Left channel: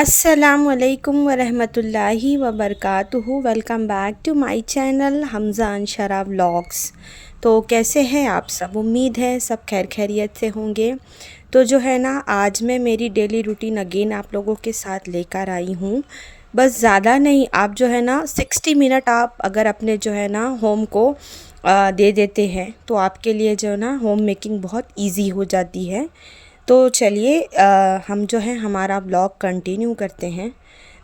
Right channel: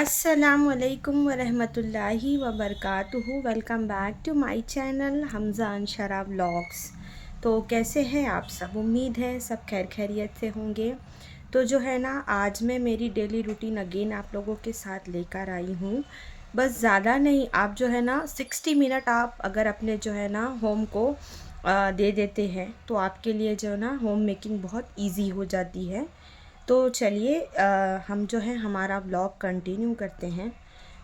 अस्सलामुअलैकुम वरहमतुल्लाहि वबरकातुहू। Welcome back to my channel Hamza Anshara vlogs. तो कैसे हैं आप सब? उम्मीद है सब खैर खैरियत से होंगे। तो जो है ना, आज मैं मेरी डेली रूटीन अगेन आप लोगों के साथ लेकर आई हूँ। बस ज़्यादा नहीं, आप जो है ना 60 मिनट आप अगर अपने जो है ना होम को दे देते हैं तो आपके लिए जो है ना होम मेकिंग बहुत इजी हो जाती है। तो चलिए हम जो है हमारा ब्लॉग कंटिन्यू करते हैं।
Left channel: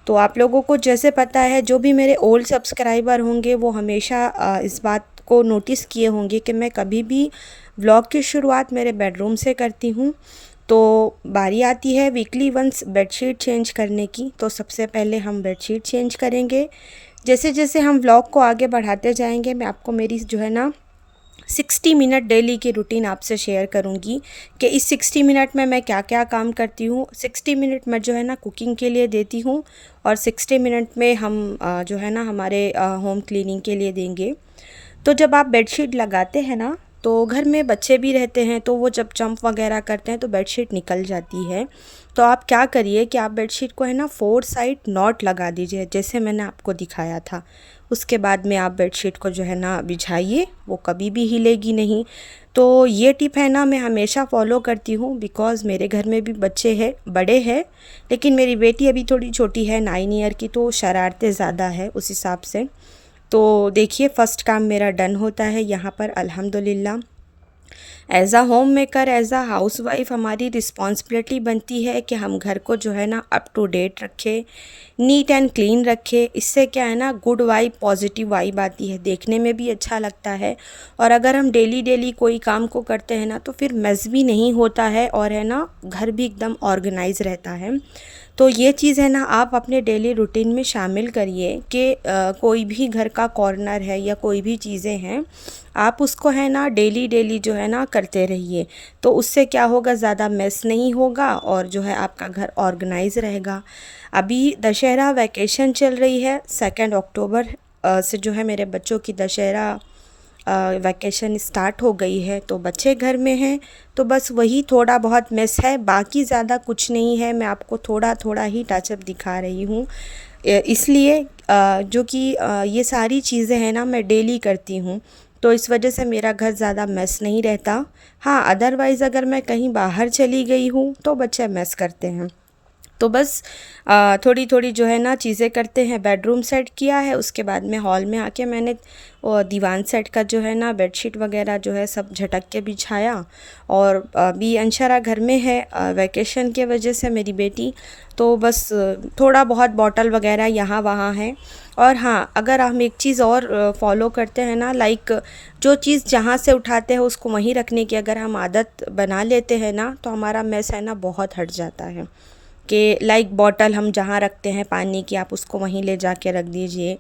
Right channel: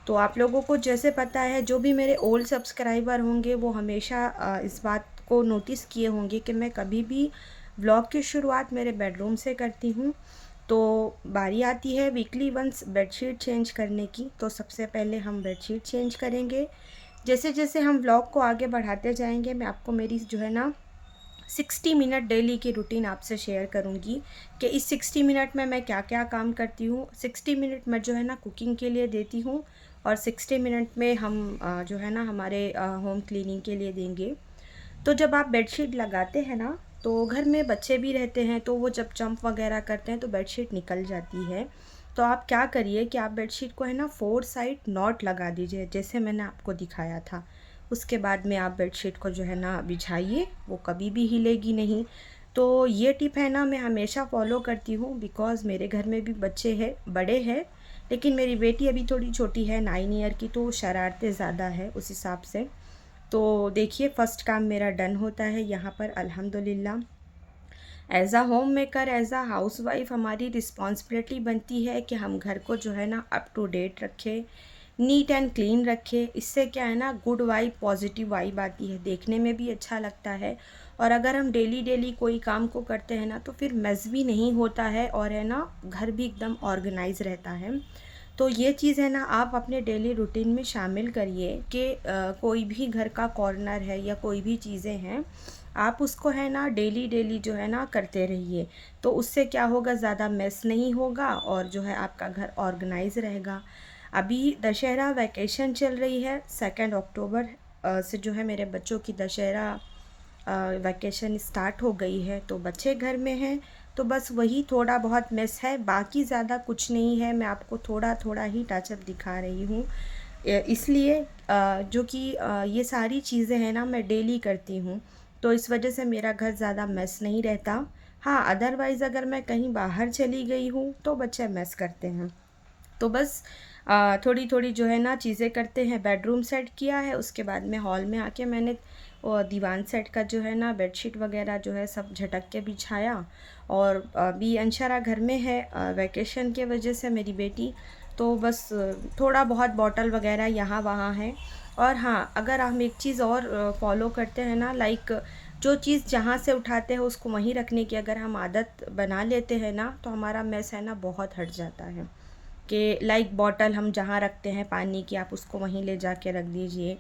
तो आप लोगों को जैसे पता है, जो भी मेरे ओल्ड सब्सक्राइबर होंगे वो हमेशा इस बात को नोटिस किए होंगे कि मैं कभी भी ब्लॉग की शुरुआत मेरे बेडरूम से करती हूँ। तो बारी आती है वीकली वंस बेडशीट चेंज करने की। तो सबसे पहले हम बेडशीट चेंज करेंगे। जैसे जैसे हम व्लॉग को आगे बढ़ाते जाएंगे, मैं आपको मेरी जो है ना 60 मिनट डेली की रूटीन आपसे शेयर करूंगी कि इस 60 मिनट में मैं क्या क्या काम करती हूँ। 60 मिनट मैं जो है ना कुकिंग के लिए देती हूँ और 60 मिनट में हम जो है ना हमारे होम क्लीनिंग के लिए देंगे। तो जब आप बेडशीट लगाते हैं ना, तो घर में बच्चे भी रहते हैं, तो वो जब जंप वगैरह करते हैं तो बेडशीट निकल जाती है। तो आप क्या करिए कि आप बेडशीट को है ना 4 साइड नॉट लगा दीजिए, जैसे मैंने आपको दिखाया था। उसके बाद में आप बेडशीट को जो है ना बिछाइए, वो कभी भी हिलेगी नहीं। तो ये टिप है ना मैं हमेशा फॉलो करती हूँ, बिकॉज़ मेरे घर में भी बच्चे हैं, बड़े हैं, लेकिन मेरी बेटी अभी थोड़ी छोटी है 9 ईयर की, तो शरारतें ज़्यादा है उस हिसाब से। तो देखिए, फ़र्स्ट काम मेरा डन होता है यहाँ पर अल्हम्दुलिल्लाह। As a home maker, as a house wife हमारी रिस्पॉन्सिबिलिटी बनती है कि हम घर को जो है ना अप टू डेट रखें, नीट एंड क्लीन रखें। इससे क्या है ना, गुड वाइब, पॉजिटिव वाइब आती है, देखने में भी अच्छा लगता है। और अगर हम डेली डेली कोई काम को करते हैं ना, तो फिर मेस भी नहीं होता है और है ना घर भी एकदम ऑर्गेनाइज रहता है। तो ये चीज़ है ना आप अपने डेली रूटीन में शामिल करिए कि कोई भी घर का कॉर्नर है या कोई भी चीज़ें हैं, आप उसको है ना डेली डेली जो है ना करते रहिए। तो उससे क्या होगा, ज़्यादा मेस नहीं होगा और जो है आपका घर ऑर्गेनाइज रहेगा। अभी दशहरा वैकेशन चल रही है, 2 अक्टूबर से जो है मेरे बच्चों की दशहरा वैकेशन स्टार्ट हो गई है। तो बच्चे घर में हैं, तो बस वही थोड़ा बहुत मिस है, बाकी ज़्यादा कुछ नहीं है। मैं आपको थोड़ा थोड़ा ही टचअप दिखा रही हूँ, इसलिए जो कि ये सारी चीज़ें हैं ना मैं डेली करती हूँ, तो इस वजह से मेरा घर ज़्यादा मेस नहीं रहता। हाँ, अदरवाइज़ अगर मैं कहीं बाहर चली गई हूँ तो बच्चे मेस करते हैं। तो बस थोड़ी थोड़ी जो है ना चीज़ें करते हैं। बेडरूम सेट किया है, उसके बाद में हॉल में आके मैंने दीवान सेट का जो है ना बेडशीट वगैरह जो है सब झटक के बिछाया। और अभी अंशरा घर में है वैकेशन के वजह से, मेरी बेटी। तो बस थोड़ा बहुत बॉटल वगैरह यहाँ वहाँ है। और हाँ, अगर हम एक चीज़ और फॉलो करते हैं ना, लाइक जो चीज़ जहाँ से उठाते हैं उसको वहीं रखने की अगर हम आदत बना लेते हैं ना, तो हमारा मैस है ना बहुत हट जाता है। कि लाइक बॉटल हम जहाँ रखते हैं पानी की, आप उसको वहीं ले जाके रख दीजिए।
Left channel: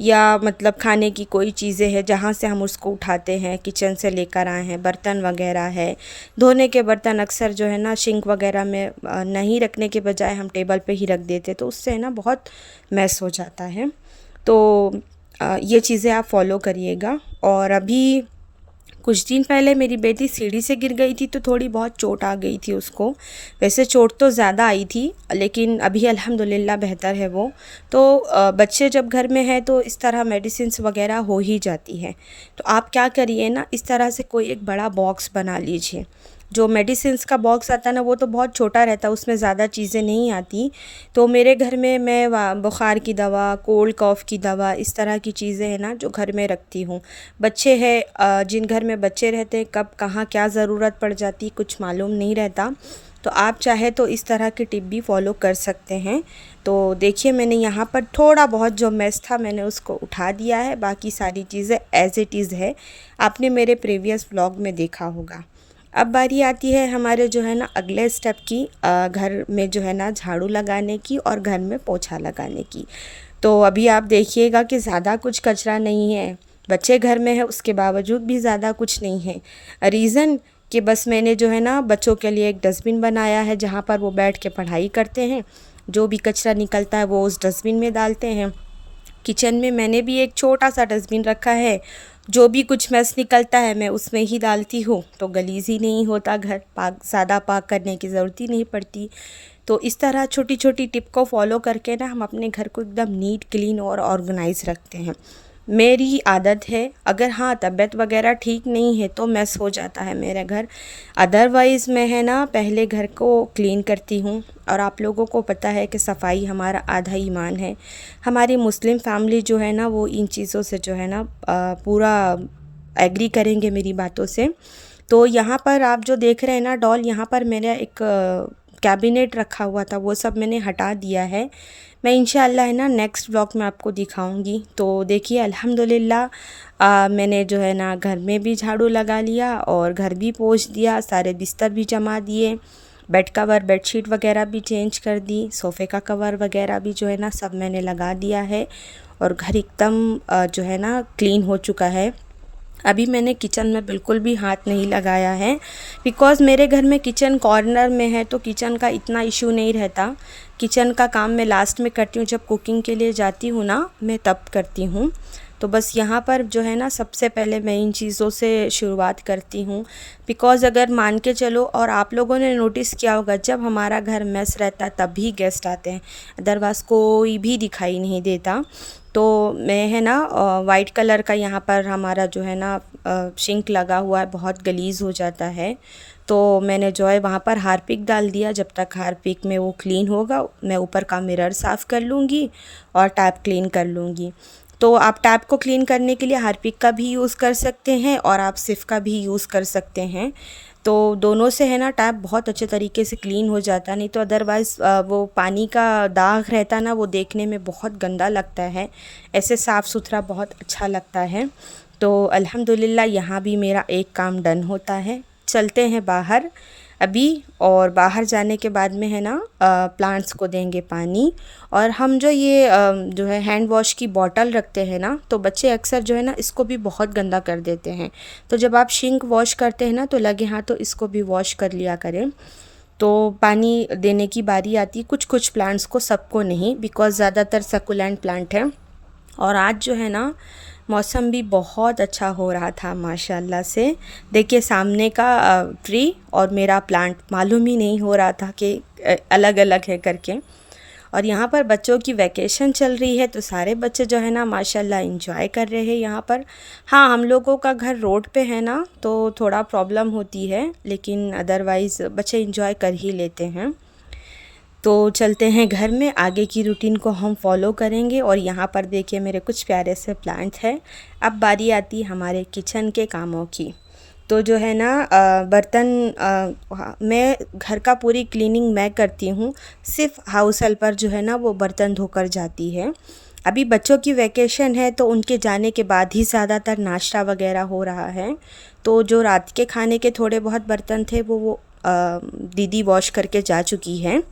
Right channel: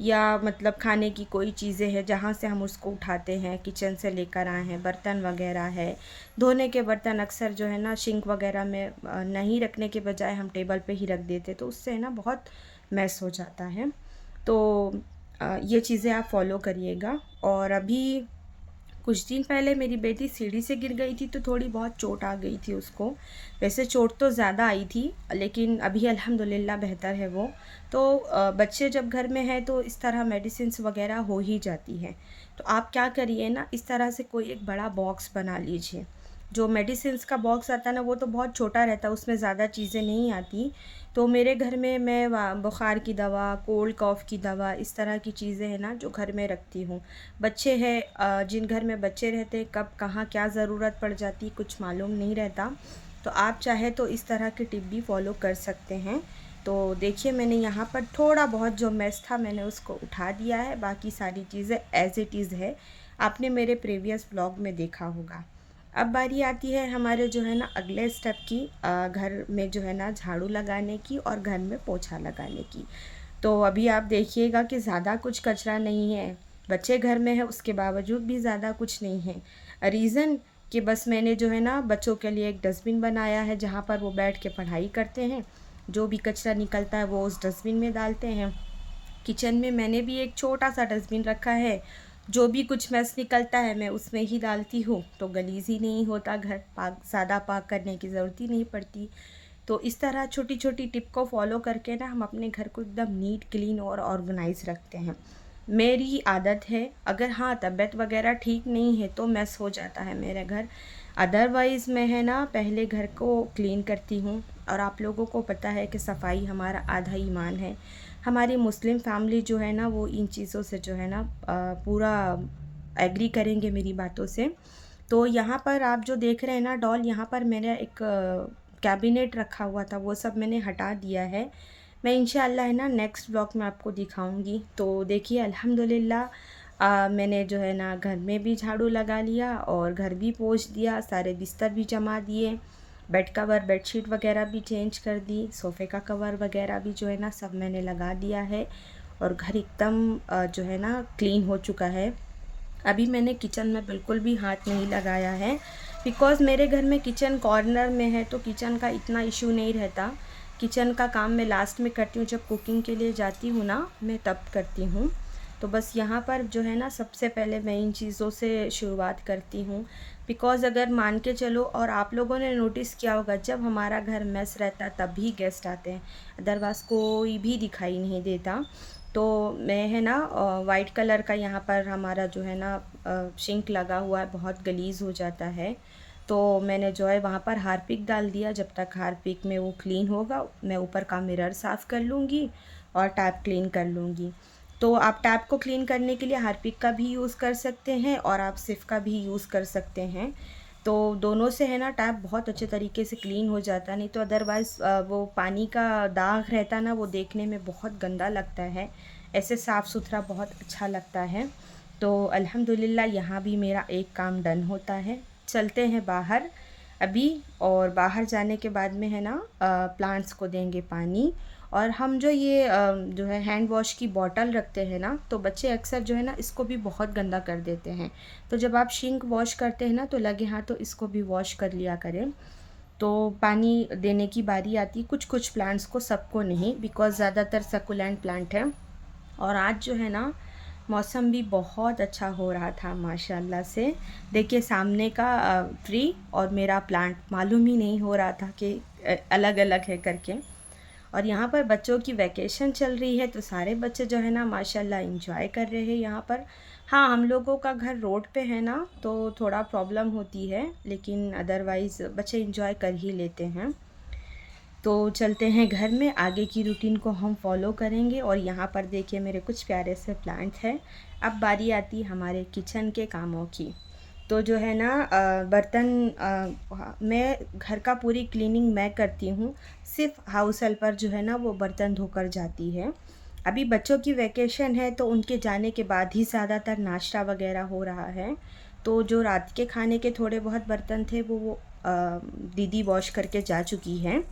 या मतलब खाने की कोई चीज़ें हैं जहाँ से हम उसको उठाते हैं, किचन से लेकर आए हैं, बर्तन वगैरह है, धोने के बर्तन अक्सर जो है ना सिंक वगैरह में नहीं रखने के बजाय हम टेबल पे ही रख देते, तो उससे है ना बहुत मैस हो जाता है। तो ये चीज़ें आप फॉलो करिएगा। और अभी कुछ दिन पहले मेरी बेटी सीढ़ी से गिर गई थी, तो थोड़ी बहुत चोट आ गई थी उसको। वैसे चोट तो ज़्यादा आई थी, लेकिन अभी अल्हम्दुलिल्लाह बेहतर है वो। तो बच्चे जब घर में हैं तो इस तरह मेडिसिन्स वगैरह हो ही जाती है। तो आप क्या करिए ना, इस तरह से कोई एक बड़ा बॉक्स बना लीजिए। जो मेडिसिन्स का बॉक्स आता है ना, वो तो बहुत छोटा रहता है, उसमें ज़्यादा चीज़ें नहीं आती। तो मेरे घर में मैं बुखार की दवा, कोल्ड कॉफ़ की दवा, इस तरह की चीज़ें हैं ना जो घर में रखती हूँ। बच्चे हैं, जिन घर में बच्चे रहते हैं, कब कहाँ क्या ज़रूरत पड़ जाती कुछ मालूम नहीं रहता। तो आप चाहे तो इस तरह की टिप भी फॉलो कर सकते हैं। तो देखिए, मैंने यहाँ पर थोड़ा बहुत जो मेस था मैंने उसको उठा दिया है, बाकी सारी चीज़ें एज़ इट इज़ है, आपने मेरे प्रीवियस व्लॉग में देखा होगा। अब बारी आती है हमारे जो है ना अगले स्टेप की, घर में जो है ना झाड़ू लगाने की और घर में पोछा लगाने की। तो अभी आप देखिएगा कि ज़्यादा कुछ कचरा नहीं है, बच्चे घर में है उसके बावजूद भी ज़्यादा कुछ नहीं है। रीज़न कि बस मैंने जो है ना बच्चों के लिए एक डस्टबिन बनाया है जहाँ पर वो बैठ के पढ़ाई करते हैं। जो भी कचरा निकलता है वो उस डस्टबिन में डालते हैं। किचन में मैंने भी एक छोटा सा डस्टबिन रखा है, जो भी कुछ मैस निकलता है मैं उसमें ही डालती हूँ, तो गलीज़ ही नहीं होता घर, पाक ज़्यादा पाक करने की ज़रूरत ही नहीं पड़ती। तो इस तरह छोटी छोटी टिप को फॉलो करके ना हम अपने घर को एकदम नीट क्लीन और ऑर्गेनाइज रखते हैं। मेरी आदत है, अगर हाँ तबीयत वगैरह ठीक नहीं है तो मैस हो जाता है मेरा घर। अदरवाइज़ मैं है ना पहले घर को क्लीन करती हूँ। और आप लोगों को पता है कि सफाई हमारा आधा ईमान है। हमारी मुस्लिम फैमिली जो है ना वो इन चीज़ों से जो है ना पूरा एग्री करेंगे मेरी बातों से। तो यहाँ पर आप जो देख रहे हैं ना डॉल, यहाँ पर मेरा एक कैबिनेट रखा हुआ था, वो सब मैंने हटा दिया है। मैं इंशाल्लाह है ना नेक्स्ट व्लॉग में आपको दिखाऊंगी। तो देखिए अल्हम्दुलिल्लाह मैंने जो है ना घर में भी झाड़ू लगा लिया और घर भी पोंछ दिया, सारे बिस्तर भी जमा दिए, बेड कवर बेडशीट वगैरह भी चेंज कर दी, सोफ़े का कवर वगैरह भी जो है ना सब मैंने लगा दिया है। और घर एकदम जो है ना क्लीन हो चुका है। अभी मैंने किचन में बिल्कुल भी हाथ नहीं लगाया है, बिकॉज़ मेरे घर में किचन कॉर्नर में है तो किचन का इतना इशू नहीं रहता। किचन का काम मैं लास्ट में करती हूँ, जब कुकिंग के लिए जाती हूँ ना मैं तब करती हूँ। तो बस यहाँ पर जो है ना सबसे पहले मैं इन चीज़ों से शुरुआत करती हूँ। बिकॉज़ अगर मान के चलो, और आप लोगों ने नोटिस किया होगा जब हमारा घर मेस रहता है तभी गेस्ट आते हैं, अदरवाइज़ कोई भी दिखाई नहीं देता। तो मैं है ना वाइट कलर का यहाँ पर हमारा जो है ना सिंक लगा हुआ है, बहुत गलीज़ हो जाता है। तो मैंने जो है वहाँ पर हार्पिक डाल दिया। जब तक हार्पिक में वो क्लीन होगा मैं ऊपर का मिरर साफ़ कर लूँगी और टैप क्लीन कर लूँगी। तो आप टैप को क्लीन करने के लिए हार्पिक का भी यूज़ कर सकते हैं और आप सिर्फ का भी यूज़ कर सकते हैं। तो दोनों से है ना टैप बहुत अच्छे तरीके से क्लीन हो जाता है। नहीं तो अदरवाइज़ वो पानी का दाग रहता ना वो देखने में बहुत गंदा लगता है, ऐसे साफ़ सुथरा बहुत अच्छा लगता है। तो अल्हम्दुलिल्लाह यहाँ भी मेरा एक काम डन होता है। चलते हैं बाहर अभी, और बाहर जाने के बाद में है ना प्लांट्स को देंगे पानी। और हम जो ये जो है हैंड वॉश की बॉटल रखते हैं ना, तो बच्चे अक्सर जो है ना इसको भी बहुत गंदा कर देते हैं। तो जब आप सिंक वॉश करते हैं ना तो लगे हाथ तो इसको भी वॉश कर लिया करें। तो पानी देने की बारी आती है कुछ कुछ प्लांट्स को, सबको नहीं, बिकॉज़ ज़्यादातर सकुलेंट प्लांट है। और आज जो है ना मौसम भी बहुत अच्छा हो रहा था माशाल्लाह से। देखिए सामने का ट्री और मेरा प्लांट मालूम ही नहीं हो रहा था कि अलग अलग है करके। और यहाँ पर बच्चों की वैकेशन चल रही है तो सारे बच्चे जो है ना माशाल्लाह इंजॉय कर रहे हैं यहाँ पर। हाँ हम लोगों का घर रोड पे है ना तो थोड़ा प्रॉब्लम होती है, लेकिन अदरवाइज़ बच्चे इंजॉय कर ही लेते हैं। तो चलते हैं घर में, आगे की रूटीन को हम फॉलो करेंगे। और यहाँ पर देखिए मेरे कुछ प्यारे से प्लांट हैं। अब बारी आती है हमारे किचन के कामों की। तो जो है ना बर्तन मैं घर का पूरी क्लीनिंग मैं करती हूँ, सिर्फ हाउस हेल्पर जो है ना वो बर्तन धोकर जाती है। अभी बच्चों की वैकेशन है तो उनके जाने के बाद ही ज़्यादातर नाश्ता वगैरह हो रहा है। तो जो रात के खाने के थोड़े बहुत बर्तन थे वो दीदी वॉश करके जा चुकी हैं।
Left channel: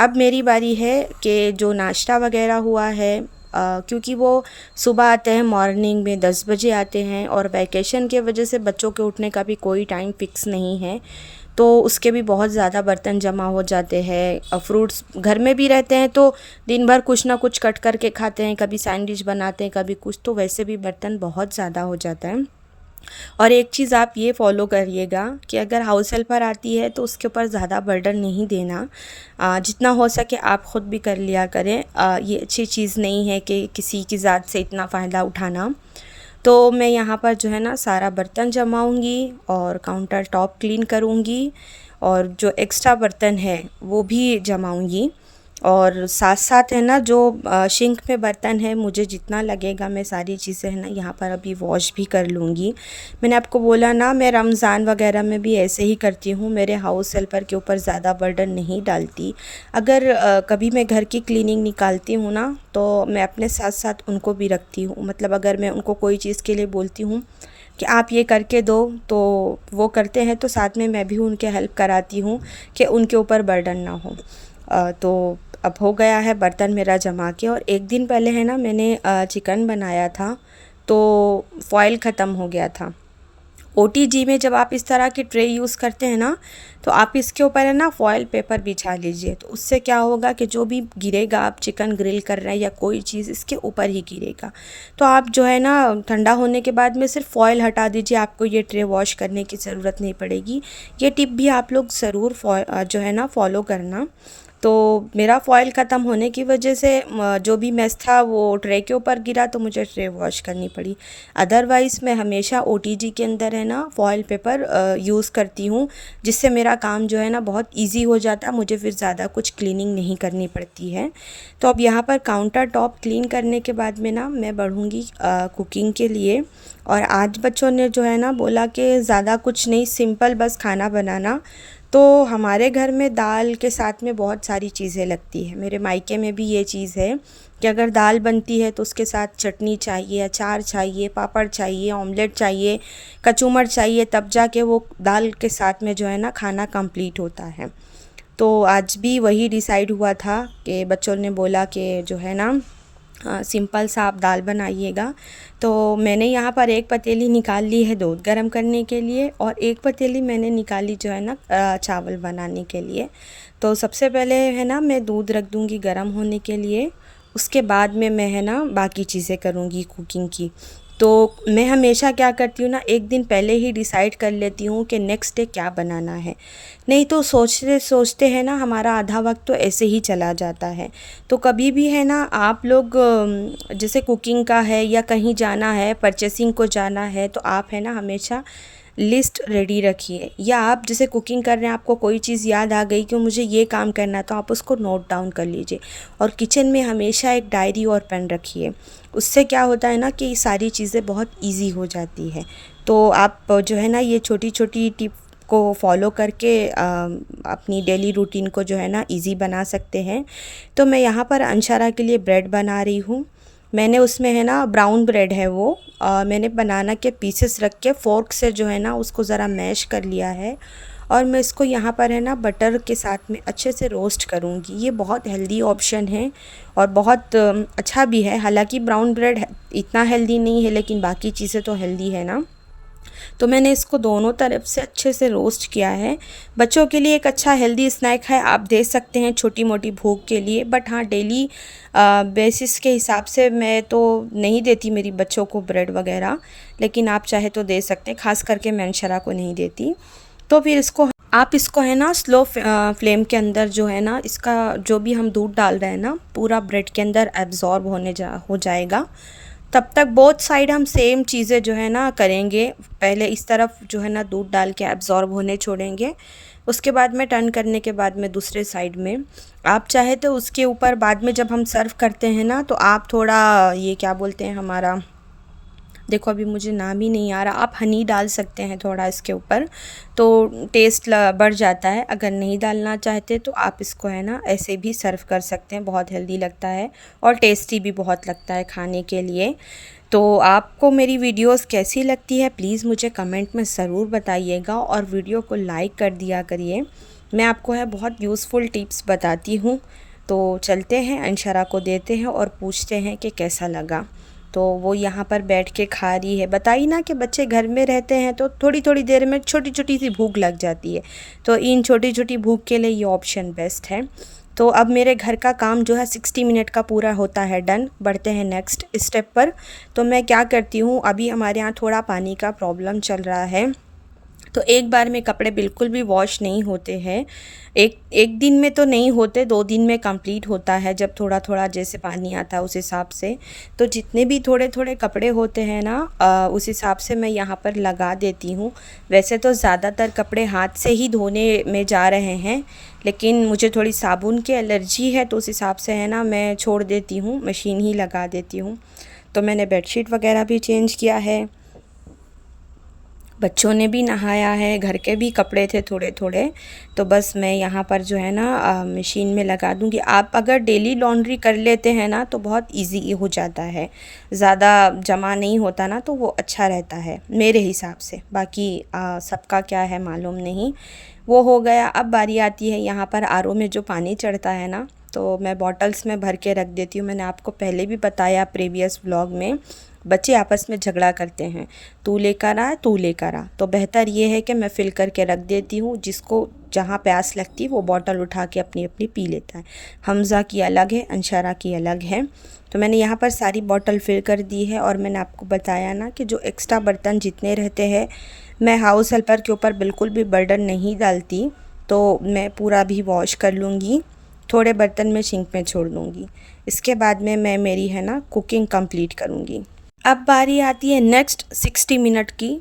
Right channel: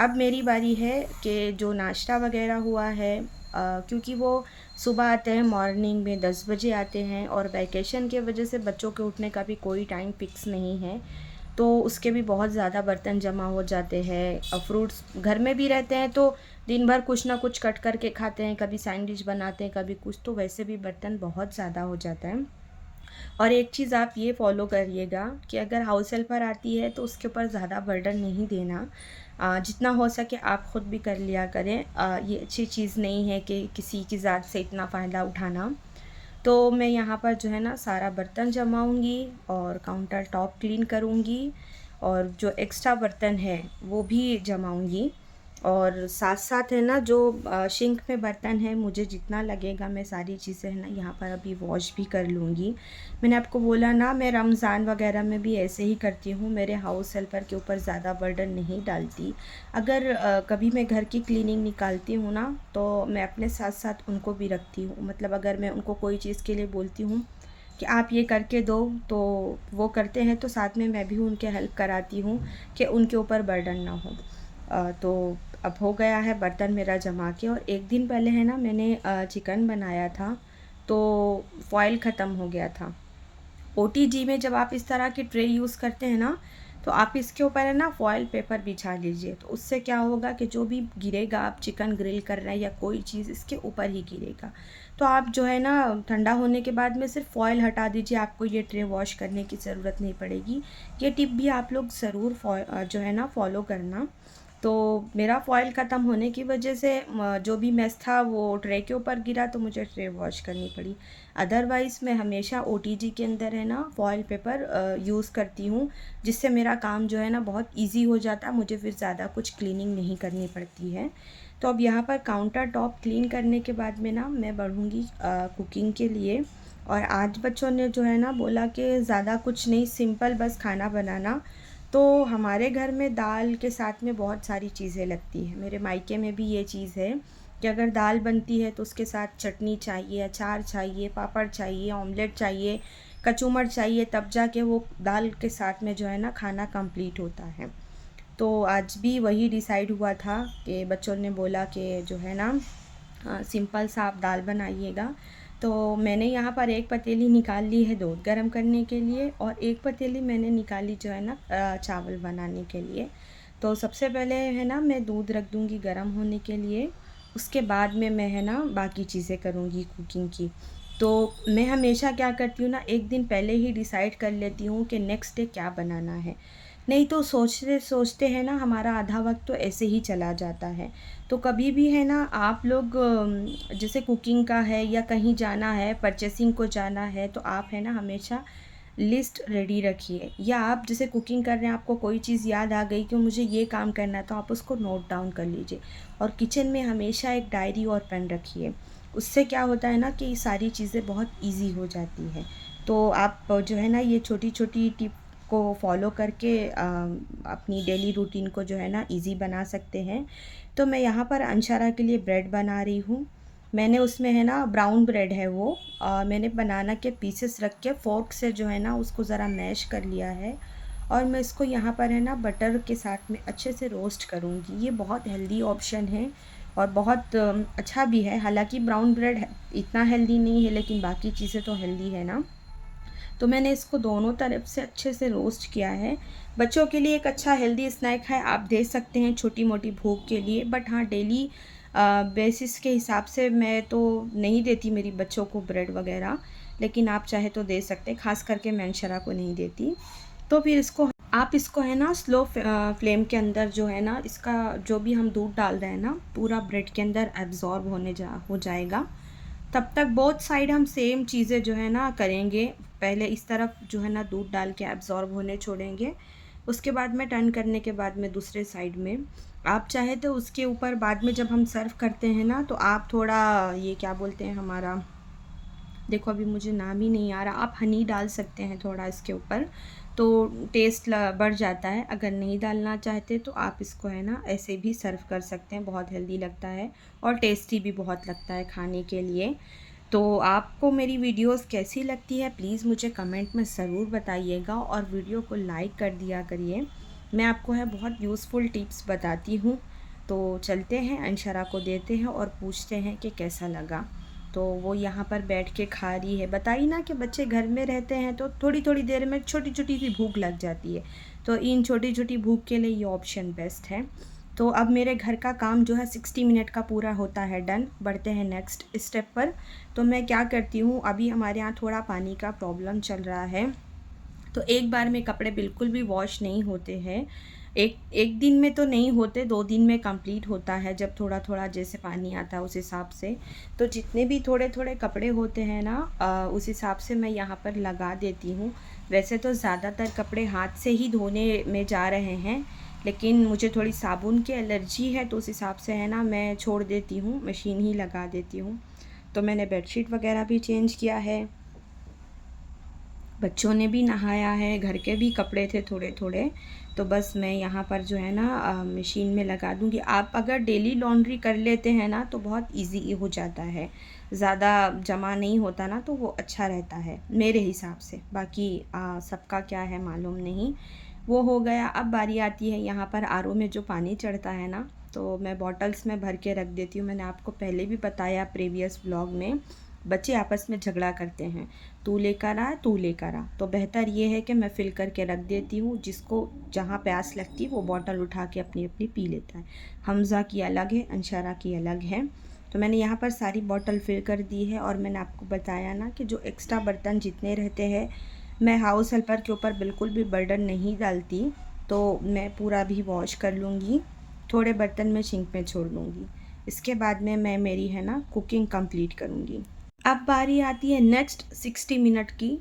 अब मेरी बारी है कि जो नाश्ता वगैरह हुआ है, क्योंकि वो सुबह आते हैं मॉर्निंग में 10 बजे आते हैं और वैकेशन के वजह से बच्चों के उठने का भी कोई टाइम फ़िक्स नहीं है। तो उसके भी बहुत ज़्यादा बर्तन जमा हो जाते हैं। फ्रूट्स घर में भी रहते हैं तो दिन भर कुछ ना कुछ कट करके खाते हैं, कभी सैंडविच बनाते हैं कभी कुछ, तो वैसे भी बर्तन बहुत ज़्यादा हो जाता है। और एक चीज़ आप ये फ़ॉलो करिएगा कि अगर हाउस हेल्पर आती है तो उसके ऊपर ज़्यादा बर्डन नहीं देना। जितना हो सके आप ख़ुद भी कर लिया करें। ये अच्छी चीज़ नहीं है कि किसी की ज़ात से इतना फ़ायदा उठाना। तो मैं यहाँ पर जो है ना सारा बर्तन जमाऊँगी और काउंटर टॉप क्लीन करूँगी और जो एक्स्ट्रा बर्तन है वो भी जमाऊँगी। और साथ साथ है ना जो सिंक में बर्तन है, मुझे जितना लगेगा मैं सारी चीज़ें है ना यहाँ पर अभी वॉश भी कर लूँगी। मैंने आपको बोला ना मैं रमज़ान वगैरह में भी ऐसे ही करती हूँ, मेरे हाउस हेल्पर के ऊपर ज़्यादा बर्डन नहीं डालती। अगर कभी मैं घर की क्लीनिंग निकालती हूँ ना तो मैं अपने साथ साथ उनको भी रखती हूँ। मतलब अगर मैं उनको कोई चीज़ के लिए बोलती हूँ कि आप ये करके दो तो वो करते हैं, तो साथ में मैं भी उनके हेल्प कराती हूँ कि उनके ऊपर बर्डन ना हो। तो अब हो गया है बर्तन मेरा जमा के। और एक दिन पहले है ना मैंने चिकन बनाया था तो फॉइल ख़त्म हो गया था। ओटीजी में जब आप इस तरह की ट्रे यूज़ करते हैं ना, तो आप इसके ऊपर है ना फॉयल पेपर बिछा लीजिए। तो उससे क्या होगा कि जो भी गिरेगा, आप चिकन ग्रिल कर रहे हैं या कोई चीज़, इसके ऊपर ही गिरेगा। तो आप जो है ना ठंडा होने के बाद में सिर्फ फॉयल हटा दीजिए, आपको ये ट्रे वॉश करने की ज़रूरत नहीं पड़ेगी। ये टिप भी आप लोग ज़रूर जो है ना फॉलो करना। तो मेरा फ़ॉइल ख़त्म होने की वजह से जो भी मेस था वो ट्रे के ऊपर गिरा, तो मुझे ट्रे वॉश करनी पड़ी। अदरवाइज़ मैं हमेशा ओटीजी के अंदर है ना फ़ॉइल पेपर यूज़ करती हूँ, जिससे मेरा काम जो है ना बहुत इजी हो जाता है, मुझे फिर ज़्यादा कुछ क्लीनिंग नहीं करनी पड़ती है। तो अब यहाँ पर काउंटर टॉप क्लीन करने के बाद में ना मैं बढ़ूँगी कुकिंग के लिए। और आज बच्चों ने जो है ना बोला कि ज़्यादा कुछ नहीं, सिंपल बस खाना बनाना। तो हमारे घर में दाल के साथ में बहुत सारी चीज़ें लगती है। मेरे मायके में भी ये चीज़ है कि अगर दाल बनती है तो उसके साथ चटनी चाहिए, अचार चाहिए, पापड़ चाहिए, ऑमलेट चाहिए, कचूमर चाहिए, तब जाके वो दाल के साथ में जो है ना खाना कंप्लीट होता है। तो आज भी वही डिसाइड हुआ था कि बच्चों ने बोला कि जो है ना सिंपल सा आप दाल बनाइएगा। तो मैंने यहाँ पर एक पतीली निकाल ली है दूध गर्म करने के लिए, और एक पतीली मैंने निकाली जो है ना चावल बनाने के लिए। तो सबसे पहले है ना मैं दूध रख दूँगी गर्म होने के लिए, उसके बाद में मैं है ना बाकी चीज़ें करूँगी कुकिंग की। तो मैं हमेशा क्या करती हूँ ना, एक दिन पहले ही डिसाइड कर लेती हूँ कि नेक्स्ट डे क्या बनाना है। नहीं तो सोचते सोचते है ना हमारा आधा वक्त तो ऐसे ही चला जाता है। तो कभी भी है ना आप लोग जैसे कुकिंग का है या कहीं जाना है, परचेसिंग को जाना है, तो आप है ना हमेशा लिस्ट रेडी रखिए। या आप जैसे कुकिंग कर रहे हैं, आपको कोई चीज़ याद आ गई कि मुझे ये काम करना है, तो आप उसको नोट डाउन कर लीजिए। और किचन में हमेशा एक डायरी और पेन रखिए। उससे क्या होता है ना कि ये सारी चीज़ें बहुत ईज़ी हो जाती है। तो आप जो है ना ये छोटी छोटी टिप को फॉलो करके अपनी डेली रूटीन को जो है ना ईज़ी बना सकते हैं। तो मैं यहाँ पर अंशारा के लिए ब्रेड बना रही हूँ। मैंने उसमें है ना ब्राउन ब्रेड है वो, मैंने बनाना के पीसेस रख के फ़ोर्क से जो है ना उसको ज़रा मैश कर लिया है। और मैं इसको यहाँ पर है ना बटर के साथ में अच्छे से रोस्ट करूँगी। ये बहुत हेल्दी ऑप्शन है और बहुत अच्छा भी है। हालांकि ब्राउन ब्रेड इतना हेल्दी नहीं है, लेकिन बाकी चीज़ें तो हेल्दी है ना। तो मैंने इसको दोनों तरफ से अच्छे से रोस्ट किया है। बच्चों के लिए एक अच्छा हेल्दी स्नैक है, आप दे सकते हैं छोटी मोटी भूख के लिए। बट हाँ, डेली बेसिस के हिसाब से मैं तो नहीं देती मेरी बच्चों को ब्रेड वगैरह, लेकिन आप चाहे तो दे सकते हैं। ख़ास करके मैं अंशरा को नहीं देती। तो फिर इसको आप इसको है ना स्लो फ्लेम के अंदर जो है ना इसका जो भी हम दूध डाल रहे हैं ना पूरा ब्रेड के अंदर एब्ज़ॉर्ब हो जाएगा। तब तक बोथ साइड हम सेम चीज़ें जो है ना करेंगे। पहले इस तरफ जो है ना दूध डाल के एब्ज़ॉर्ब होने छोड़ेंगे, उसके बाद में टर्न करने के बाद में दूसरे साइड में आप चाहे तो उसके ऊपर बाद में जब हम सर्व करते हैं ना, तो आप थोड़ा ये क्या बोलते हैं हमारा, देखो अभी मुझे नाम ही नहीं आ रहा, आप हनी डाल सकते हैं थोड़ा इसके ऊपर, तो टेस्ट बढ़ जाता है। अगर नहीं डालना चाहते तो आप इसको है ना ऐसे भी सर्व कर सकते हैं, बहुत हेल्दी लगता है और टेस्टी भी बहुत लगता है खाने के लिए। तो आपको मेरी वीडियोस कैसी लगती है प्लीज़ मुझे कमेंट में ज़रूर बताइएगा, और वीडियो को लाइक कर दिया करिए। मैं आपको है बहुत यूज़फुल टिप्स बताती हूँ। तो चलते हैं अंशरा को देते हैं और पूछते हैं कि कैसा लगा। तो वो यहाँ पर बैठ के खा रही है। बताइए ना कि बच्चे घर में रहते हैं तो थोड़ी थोड़ी देर में छोटी छोटी सी भूख लग जाती है, तो इन छोटी छोटी भूख के लिए ये ऑप्शन बेस्ट है। तो अब मेरे घर का काम जो है 60 मिनट का पूरा होता है डन। बढ़ते हैं नेक्स्ट स्टेप पर। तो मैं क्या करती हूँ, अभी हमारे यहाँ थोड़ा पानी का प्रॉब्लम चल रहा है, तो एक बार में कपड़े बिल्कुल भी वॉश नहीं होते हैं। एक एक दिन में तो नहीं होते, 2 दिन में कंप्लीट होता है जब थोड़ा थोड़ा जैसे पानी आता है उस हिसाब से। तो जितने भी थोड़े थोड़े कपड़े होते हैं ना उस हिसाब से मैं यहाँ पर लगा देती हूँ। वैसे तो ज़्यादातर कपड़े हाथ से ही धोने में जा रहे हैं, लेकिन मुझे थोड़ी साबुन की एलर्जी है, तो उस हिसाब से है ना मैं छोड़ देती हूँ, मशीन ही लगा देती हूँ। तो मैंने बेडशीट वगैरह भी चेंज किया है, बच्चों ने भी नहाया है, घर के भी कपड़े थे थोड़े थोड़े। तो बस मैं यहाँ पर जो है ना मशीन में लगा दूँगी। आप अगर डेली लॉन्ड्री कर लेते हैं ना तो बहुत इजी हो जाता है, ज़्यादा जमा नहीं होता ना, तो वो अच्छा रहता है मेरे हिसाब से। बाकी सबका क्या है मालूम नहीं। वो हो गया। अब बारी आती है यहाँ पर आरओ में जो पानी चढ़ता है ना, तो मैं बॉटल्स में भर के रख देती हूँ। मैंने आपको पहले भी बताया प्रीवियस व्लॉग में। बच्चे आपस में झगड़ा करते हैं, तू लेकर आ तू लेकर आ। तो बेहतर ये है कि मैं फ़िल करके रख देती हूँ, जिसको जहाँ प्यास लगती है वो बॉटल उठा के अपनी अपनी पी लेता है। हमज़ा की अलग है, अंशारा की अलग है। तो मैंने यहाँ पर सारी बॉटल फिल कर दी है। और मैंने आपको बताया ना कि जो एक्स्ट्रा बर्तन जितने रहते हैं, मैं हाउस हेल्पर के ऊपर बिल्कुल भी बर्डन नहीं डालती, तो मैं पूरा भी वॉश कर लूँगी, थोड़े बर्तन मैं सिंक में छोड़ दूँगी। इसके बाद में मैं मेरी है ना कुकिंग कंप्लीट करूँगी। अब बारी आती है नेक्स्ट 60 मिनट की।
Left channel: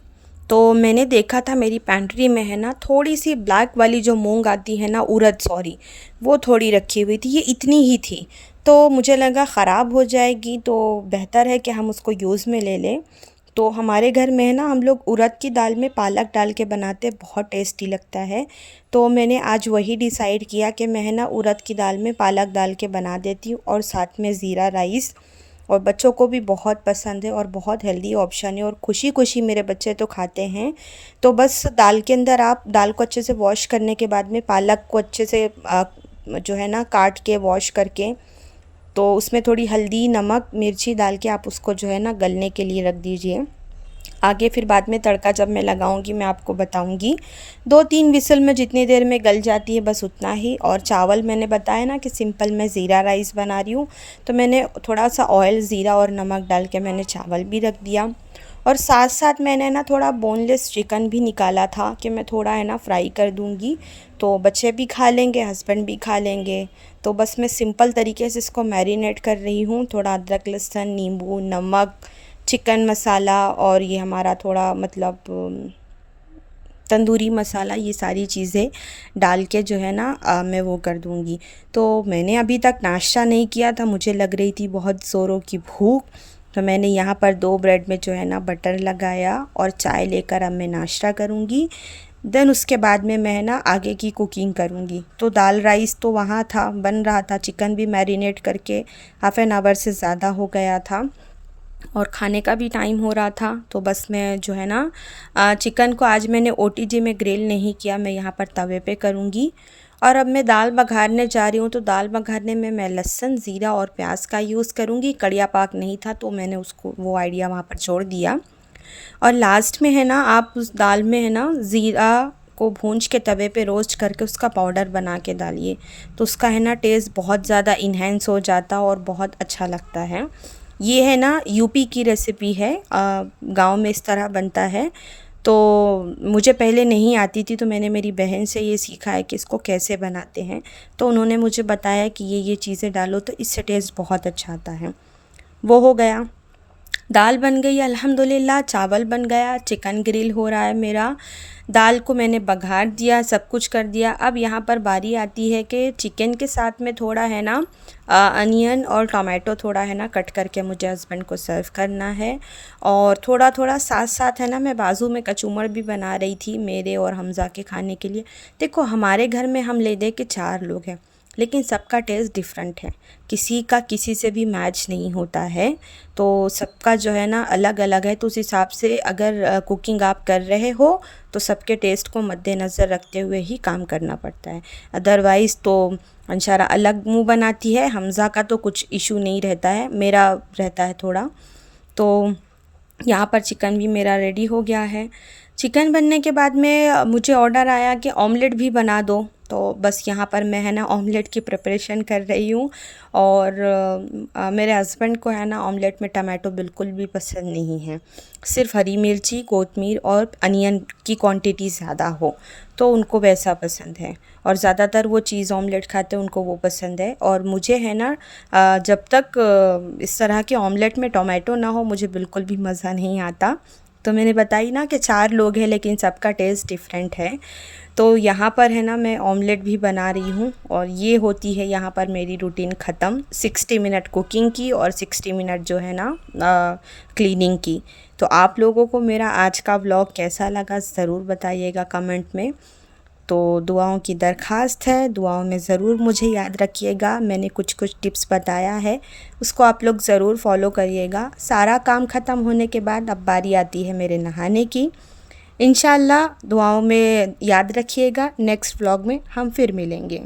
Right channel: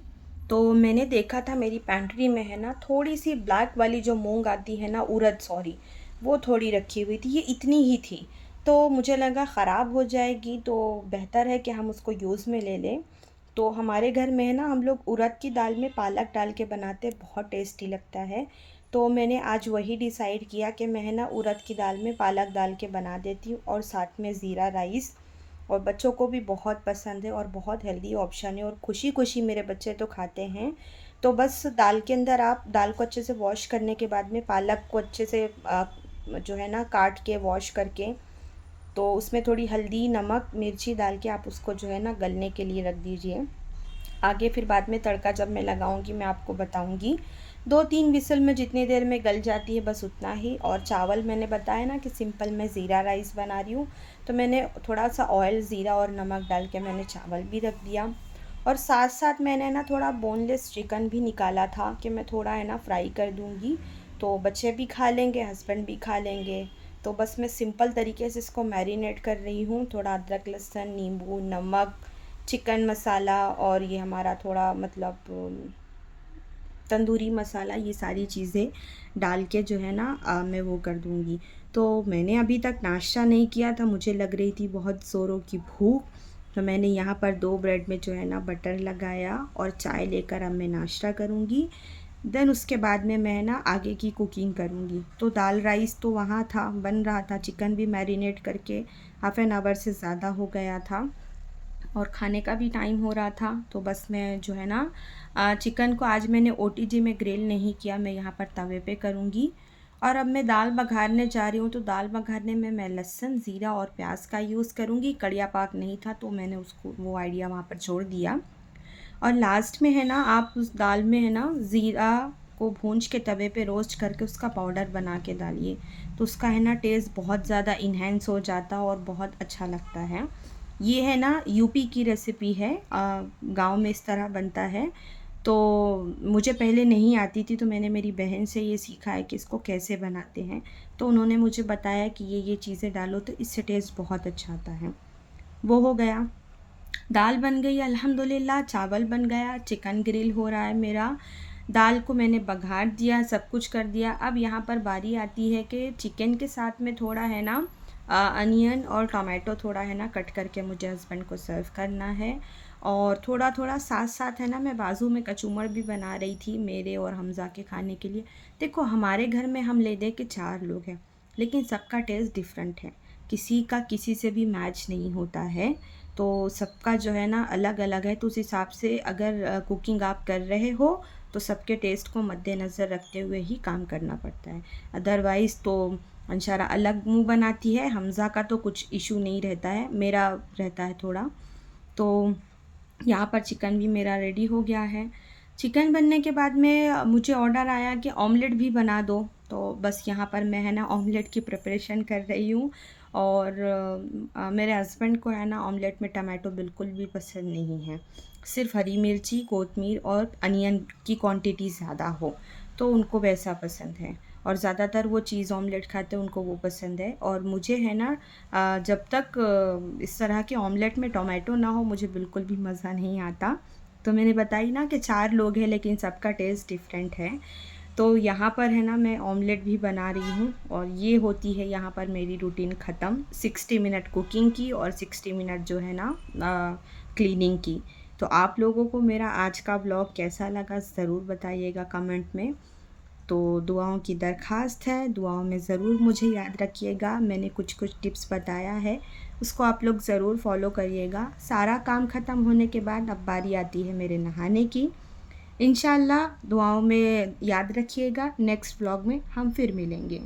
तो मैंने देखा था मेरी पैंट्री में है ना थोड़ी सी ब्लैक वाली जो मूंग आती है ना, उड़द सॉरी, वो थोड़ी रखी हुई थी, ये इतनी ही थी। तो मुझे लगा ख़राब हो जाएगी, तो बेहतर है कि हम उसको यूज़ में ले लें। तो हमारे घर में है ना हम लोग उड़द की दाल में पालक डाल के बनाते, बहुत टेस्टी लगता है। तो मैंने आज वही डिसाइड किया कि मैं है ना उड़द की दाल में पालक डाल के बना देती हूँ, और साथ में ज़ीरा राइस। और बच्चों को भी बहुत पसंद है और बहुत हेल्दी ऑप्शन है, और खुशी खुशी मेरे बच्चे तो खाते हैं। तो बस दाल के अंदर आप दाल को अच्छे से वॉश करने के बाद में पालक को अच्छे से जो है ना काट के वॉश करके, तो उसमें थोड़ी हल्दी नमक मिर्ची डाल के आप उसको जो है ना गलने के लिए रख दीजिए। आगे फिर बाद में तड़का जब मैं लगाऊंगी मैं आपको बताऊंगी। 2-3 विसल में जितनी देर में गल जाती है बस उतना ही। और चावल मैंने बताया ना कि सिंपल मैं ज़ीरा राइस बना रही हूँ, तो मैंने थोड़ा सा ऑयल ज़ीरा और नमक डाल के मैंने चावल भी रख दिया। और साथ साथ मैंने ना थोड़ा बोनलेस चिकन भी निकाला था कि मैं थोड़ा है ना फ्राई कर दूँगी, तो बच्चे भी खा लेंगे, हस्बैंड भी खा लेंगे। तो बस मैं सिंपल तरीके से इसको मैरिनेट कर रही हूँ, थोड़ा अदरक लहसुन नींबू नमक चिकन मसाला और ये हमारा थोड़ा मतलब तंदूरी मसाला, ये सारी चीज़ें डाल के जो है ना मैं वो कर दूँगी। तो मैंने अभी तक नाश्ता नहीं किया था, मुझे लग रही थी बहुत ज़ोरों की भूख। तो मैंने यहाँ पर 2 ब्रेड में जो है ना बटर लगाया और चाय लेकर अब मैं नाश्ता करूँगी। देन उसके बाद में मैं ना आगे की कुकिंग करूँगी। तो दाल राइस तो वहाँ था, बन रहा था, चिकन भी मैरिनेट करके हाफ़ एन आवर से ज़्यादा हो गया था, और खाने का भी टाइम हो रहा था। तो बस मैं जो है ना चिकन को आज मैंने ओटीजी में ग्रिल नहीं किया, मैं यहाँ पर तवे पे करूँगी। और अब मैं दाल बघारने जा रही हूँ, तो दाल बघारने में मैं लहसुन ज़ीरा और प्याज का यूज़ करूँगी। कड़िया पाक नहीं था तो मैंने उसको वो आइडिया वहाँ पर छोड़ दिया। और लास्ट में है ना आप उस दाल में है ना ज़ीरा को भूंज के तवे पे रोस्ट करके उसका पाउडर बना के डालिए, तो उसका है ना टेस्ट बहुत ज़्यादा इन्हेंस हो जाता और बहुत अच्छा लगता है। ये है ना यूपी की रेसिपी है, गांव में इस तरह बनता है। तो मुझे पहले नहीं आती थी, तो मैंने मेरी बहन से ये सीखा है कि इसको कैसे बनाते हैं। तो उन्होंने मुझे बताया कि ये चीज़ें डालो तो इससे टेस्ट बहुत अच्छा आता है। वो हो गया, दाल बन गई अल्हम्दुलिल्लाह, चावल बन गया, चिकन ग्रिल हो रहा है मेरा, दाल को मैंने बघार दिया, सब कुछ कर दिया। अब यहाँ पर बारी आती है कि चिकन के साथ में थोड़ा है ना अनियन और टमाटो थोड़ा है ना कट करके मुझे हस्बैंड को सर्व करना है। और थोड़ा थोड़ा साथ साथ है ना मैं बाजू में कचूमर भी बना रही थी मेरे और हमज़ा के खाने के लिए। देखो हमारे घर में हम ले दे के 4 लोग हैं, लेकिन सबका टेस्ट डिफरेंट है, किसी का किसी से भी मैच नहीं होता है। तो सबका जो है ना अलग अलग है, तो उस हिसाब से अगर कुकिंग आप कर रहे हो तो सबके टेस्ट को मद्देनज़र रखते हुए ही काम करना पड़ता है। अदरवाइज़ तो अंशारा अलग मुंह बनाती है, हमज़ा का तो कुछ इशू नहीं रहता है, मेरा रहता है थोड़ा। तो यहाँ पर चिकन भी मेरा रेडी हो गया है। चिकन बनने के बाद में मुझे ऑर्डर आया कि ऑमलेट भी बना दो, तो बस यहाँ पर मैं है ना ऑमलेट की प्रिपरेशन कर रही हूँ। और मेरे हस्बैंड को है ना ऑमलेट में टमाटो बिल्कुल भी पसंद नहीं है, सिर्फ हरी मिर्ची कोतमीर और अनियन की क्वांटिटी ज़्यादा हो तो उनको वैसा पसंद है। और ज़्यादातर वो चीज़ ऑमलेट खाते हैं, उनको वो पसंद है। और मुझे है ना जब तक इस तरह के ऑमलेट में टमाटो ना हो मुझे बिल्कुल भी मज़ा नहीं आता। तो मैंने बताई ना कि 4 लोग हैं लेकिन सबका टेस्ट डिफरेंट है। तो यहाँ पर है ना मैं ऑमलेट भी बना रही हूँ, और ये होती है यहाँ पर मेरी रूटीन ख़त्म, 60 मिनट कुकिंग की और 60 मिनट जो है ना क्लीनिंग की। तो आप लोगों को मेरा आज का व्लॉग कैसा लगा ज़रूर बताइएगा कमेंट में। तो दुआओं की दरख्वास्त है, दुआओं में ज़रूर मुझे याद रखिएगा। मैंने कुछ कुछ टिप्स बताया है, उसको आप लोग ज़रूर फॉलो करिएगा। सारा काम ख़त्म होने के बाद अब बारी आती है मेरे नहाने की। इंशाल्लाह दुआओं में याद रखिएगा। नेक्स्ट व्लॉग में हम फिर मिलेंगे।